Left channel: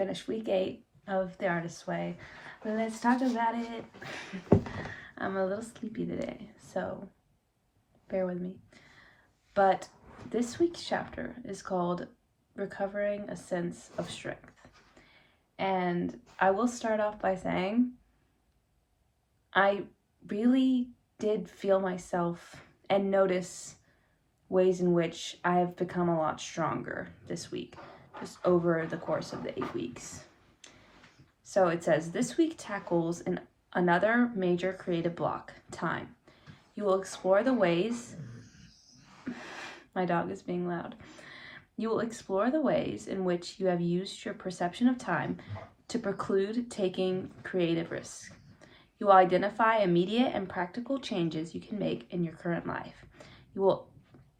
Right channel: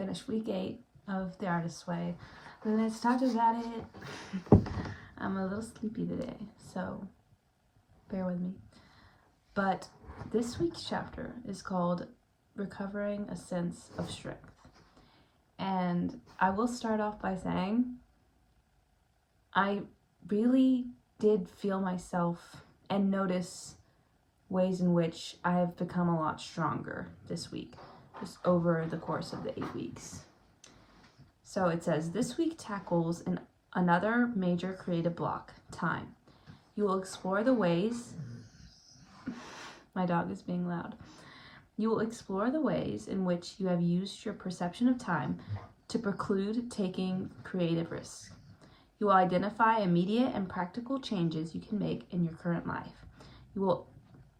finished week 8 of The Artist's Way. Let's talk about it. I'm a little sleepy today, so bear with me. But this week's chapter is called Recovering a Sense of Strength. And I will start off by saying I really did feel myself and notice ways in which I have become a lot stronger this week, just over the course of the 8 weeks. So it says, this week tackles another major creative block, time. You will explore the ways, my dog is being loud. You will explore the ways in which you have used your perception of time to preclude taking creative risks. You will identify immediate and practical changes you can make in your current life. You will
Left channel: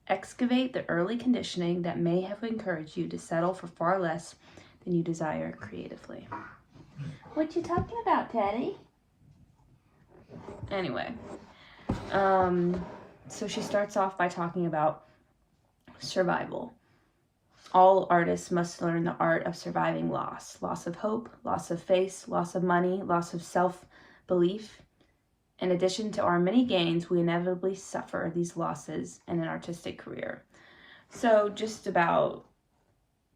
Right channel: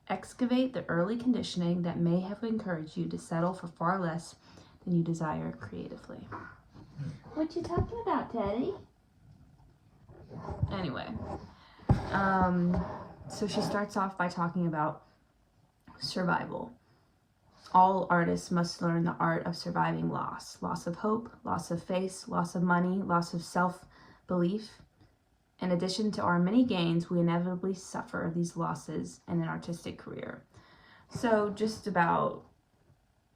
excavate the early conditioning that may have encouraged you to settle for far less than you desire creatively. What you talking about, Teddy? Anyway, so she starts off by talking about survival. All artists must learn the art of surviving loss of hope, loss of face, loss of money, loss of self-belief. In addition to our many gains, we inevitably suffer these losses in an artistic career. So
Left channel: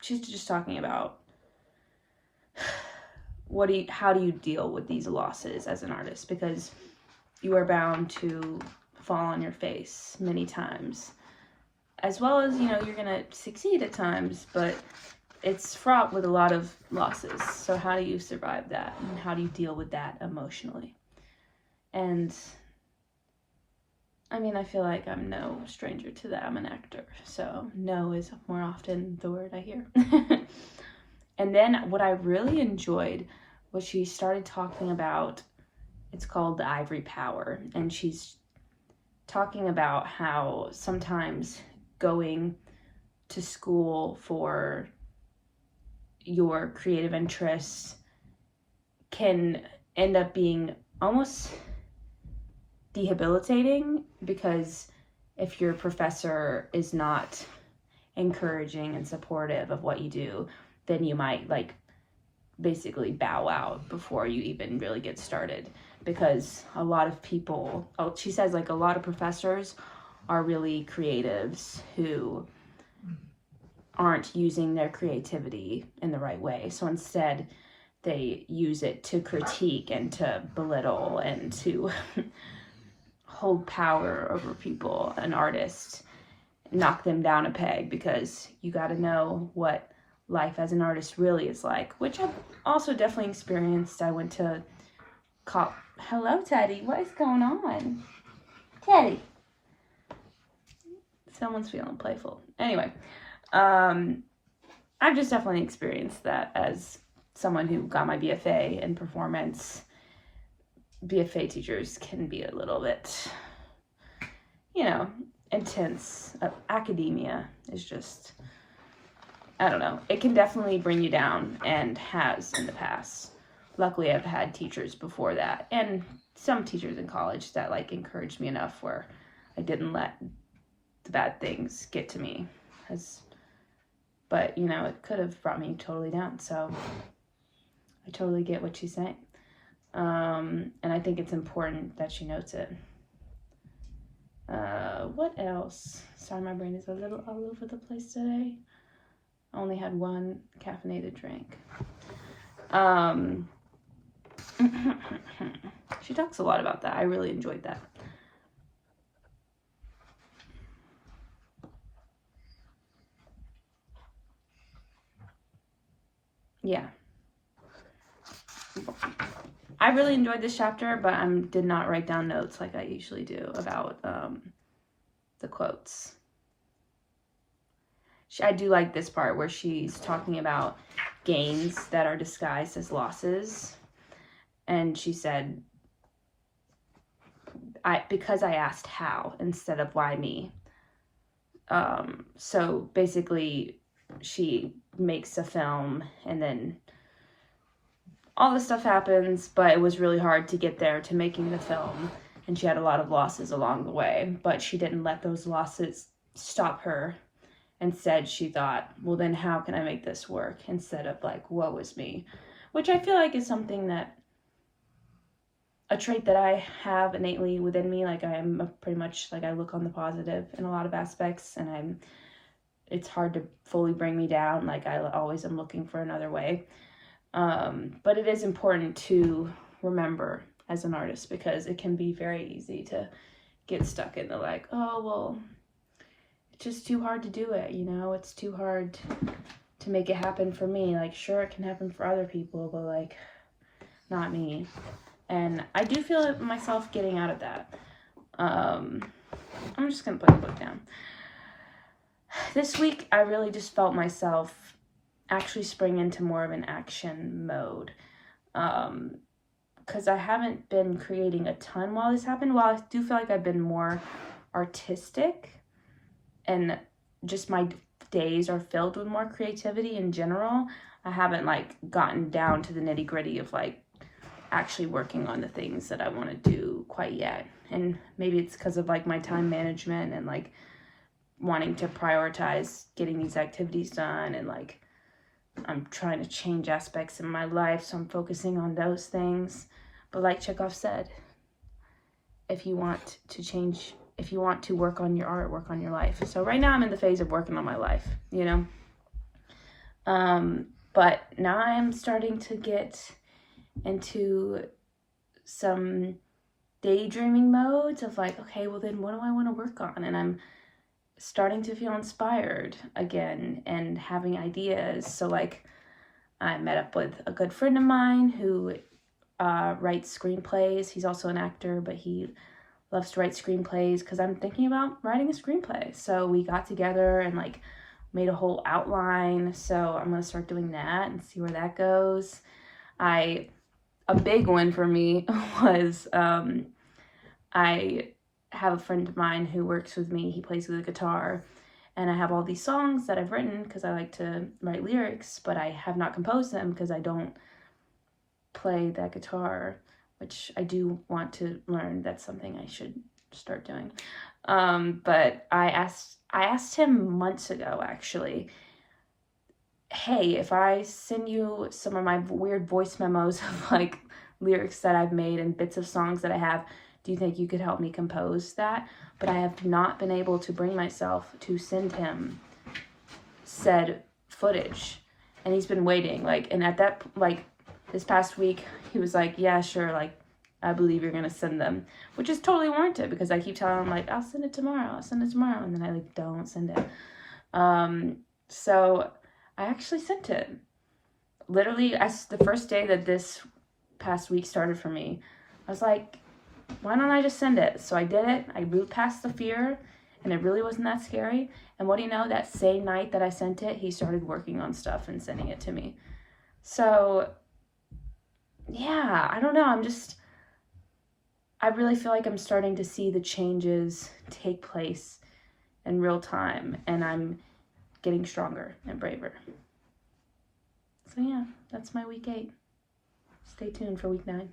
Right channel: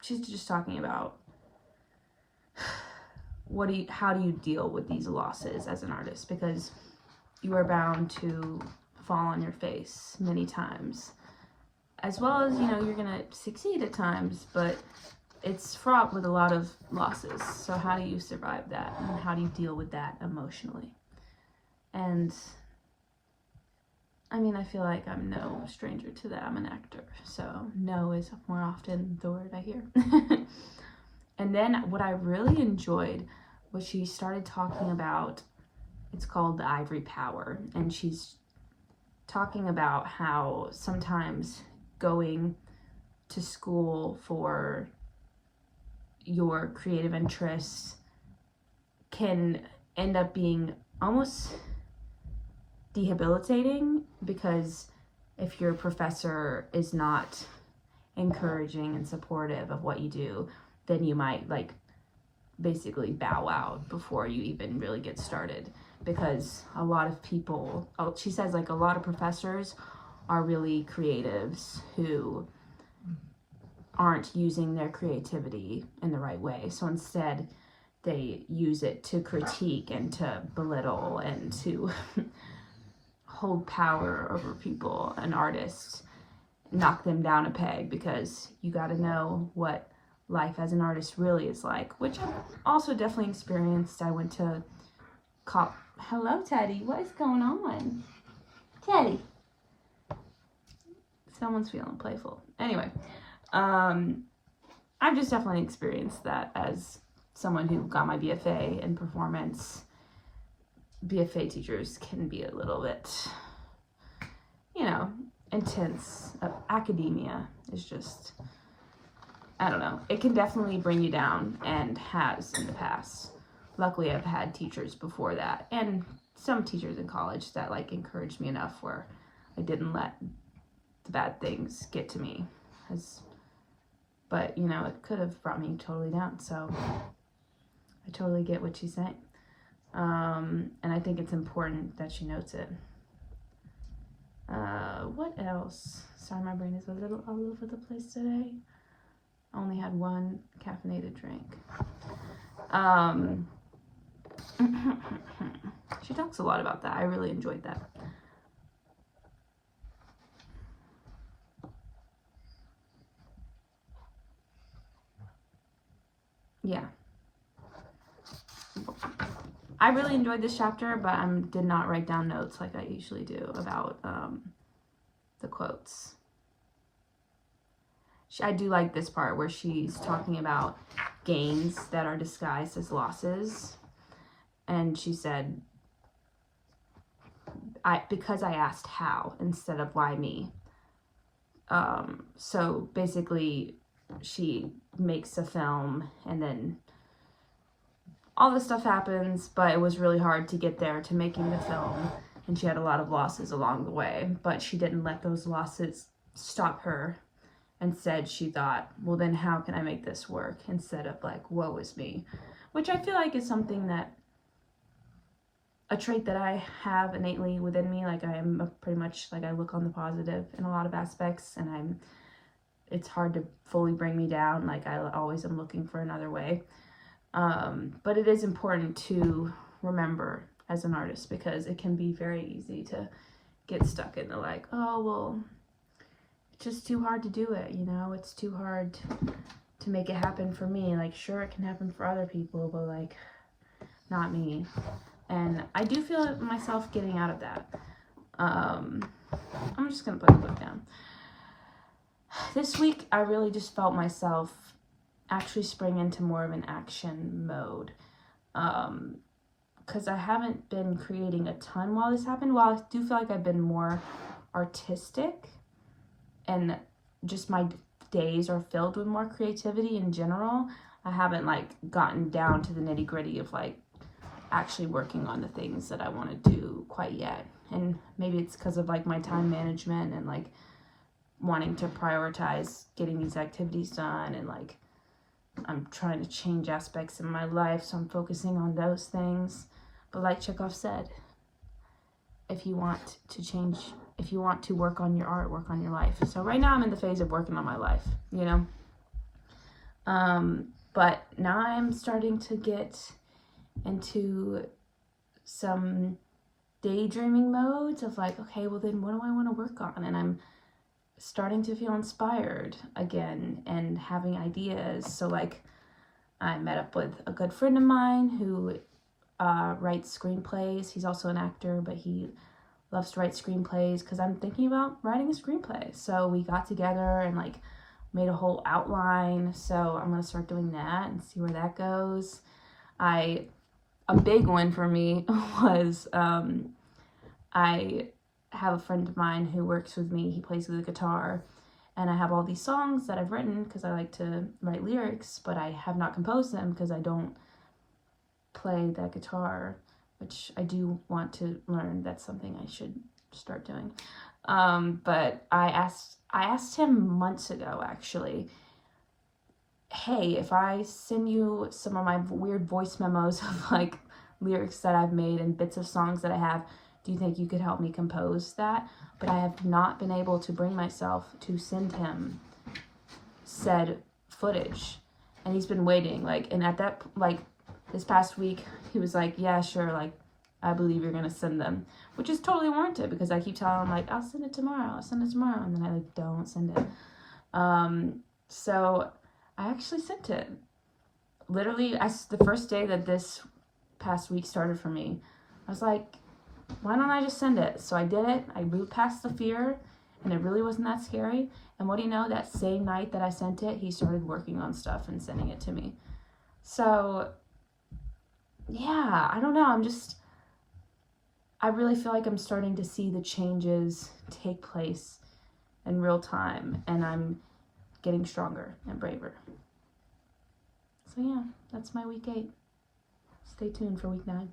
she's just talking about how do you deal with these losses as an artist, because you are bound to fall on your face many times, as well as, you're going to succeed at times, but it's fraught with a lot of losses. So how do you survive that, and how do you deal with that emotionally? And I feel like I'm no stranger to that. I'm an actor, so no is more often the word I hear. And then what I really enjoyed was she started talking about, it's called the ivory power, and she's talking about how sometimes going to school for your creative interests can end up being almost debilitating, because if your professor is not encouraging and supportive of what you do, then you might basically bow out before you even really get started. Because a lot of people, she says, a lot of professors are really creatives who aren't using their creativity in the right way. So instead, they use it to critique and to belittle and to hold power over people, an artist, knock them down a peg, because you got to know what life as an artist really is like, which I've also definitely experienced. I went to Hello, Teddy. What is going on? Teddy. Someone's feeling playful. Anyway, I've just definitely experienced that as someone who got my BFA in performance. BFA teachers can be a little bit, intense. Academia is just, I don't know. It can definitely bring you down, and has in the past. Luckily, I've had teachers before that, and some teachers in college that encouraged me enough where I didn't let the bad things get to me. But it could have brought me totally down. So I totally get what she's saying. And I think it's important that she notes it. What else? Sorry, my brain is a little all over the place today. I only had one caffeinated drink. She talks a lot about that. I really enjoyed that. Yeah. I really enjoyed this chapter, but I did not write down notes like I usually do about the quotes. I do like this part where she's talking about gains that are disguised as losses. And she said, because I asked how instead of why me. So basically, she makes a film, and then all this stuff happens, but it was really hard to get there to making the film, and she had a lot of losses along the way, but she didn't let those losses stop her Instead, she thought, well, then how can I make this work? Instead of like, woe is me. Which I feel like is something that, a trait that I have innately within me. Like I am pretty much, like I look on the positive in a lot of aspects, and it's hard to fully bring me down. Like I always am looking for another way. But it is important to remember as an artist, because it can be very easy to get stuck in the like, oh, well, it's just too hard to do it, you know? It's too hard to make it happen for me. Like, sure, it can happen for other people, but like, not me. And I do feel myself getting out of that. I'm just gonna put the book down. This week, I really just felt myself actually spring into more of an action mode. Because I haven't been creating a ton while this happened. While I do feel like I've been more artistic, and just my days are filled with more creativity in general, I haven't like gotten down to the nitty gritty of like actually working on the things that I want to do quite yet. And maybe it's because of like my time management and like wanting to prioritize getting these activities done, and like I'm trying to change aspects in my life, so I'm focusing on those things. But like Chekhov said, if you want to work on your art, work on your life. So right now I'm in the phase of working on my life, you know? But now I am starting to get into some daydreaming modes of like, okay, well then what do I want to work on? And I'm starting to feel inspired again and having ideas. So like I met up with a good friend of mine who writes screenplays. He's also an actor, but he loves to write screenplays, because I'm thinking about writing a screenplay. So we got together and like made a whole outline. So I'm going to start doing that and see where that goes. A big one for me was I have a friend of mine who works with me. He plays the guitar, and I have all these songs that I've written because I like to write lyrics, but I have not composed them because I don't play that guitar, which I do want to learn. That's something I should start doing. But I asked him months ago, actually, hey, if I send you some of my weird voice memos of like lyrics that I've made and bits of songs that I have, do you think you could help me compose that? But I have not been able to bring myself to send him said footage. And he's been waiting, like, and at that, like, this past week, he was like, yeah, sure, like, I believe you're gonna send them, which is totally warranted, because I keep telling him, like, I'll send it tomorrow, and then I, like, don't send it. So I actually sent it. Literally, as the first day that this past week started for me, I was like, why don't I just send it? So I did it. I moved past the fear, and it really wasn't that scary. And what do you know, that same night that I sent it, he started working on stuff and sending it to me. So yeah, I don't know. I really feel like I'm starting to see the changes take place in real time, and I'm getting stronger and braver. So yeah, that's my week 8. Stay tuned for week 9.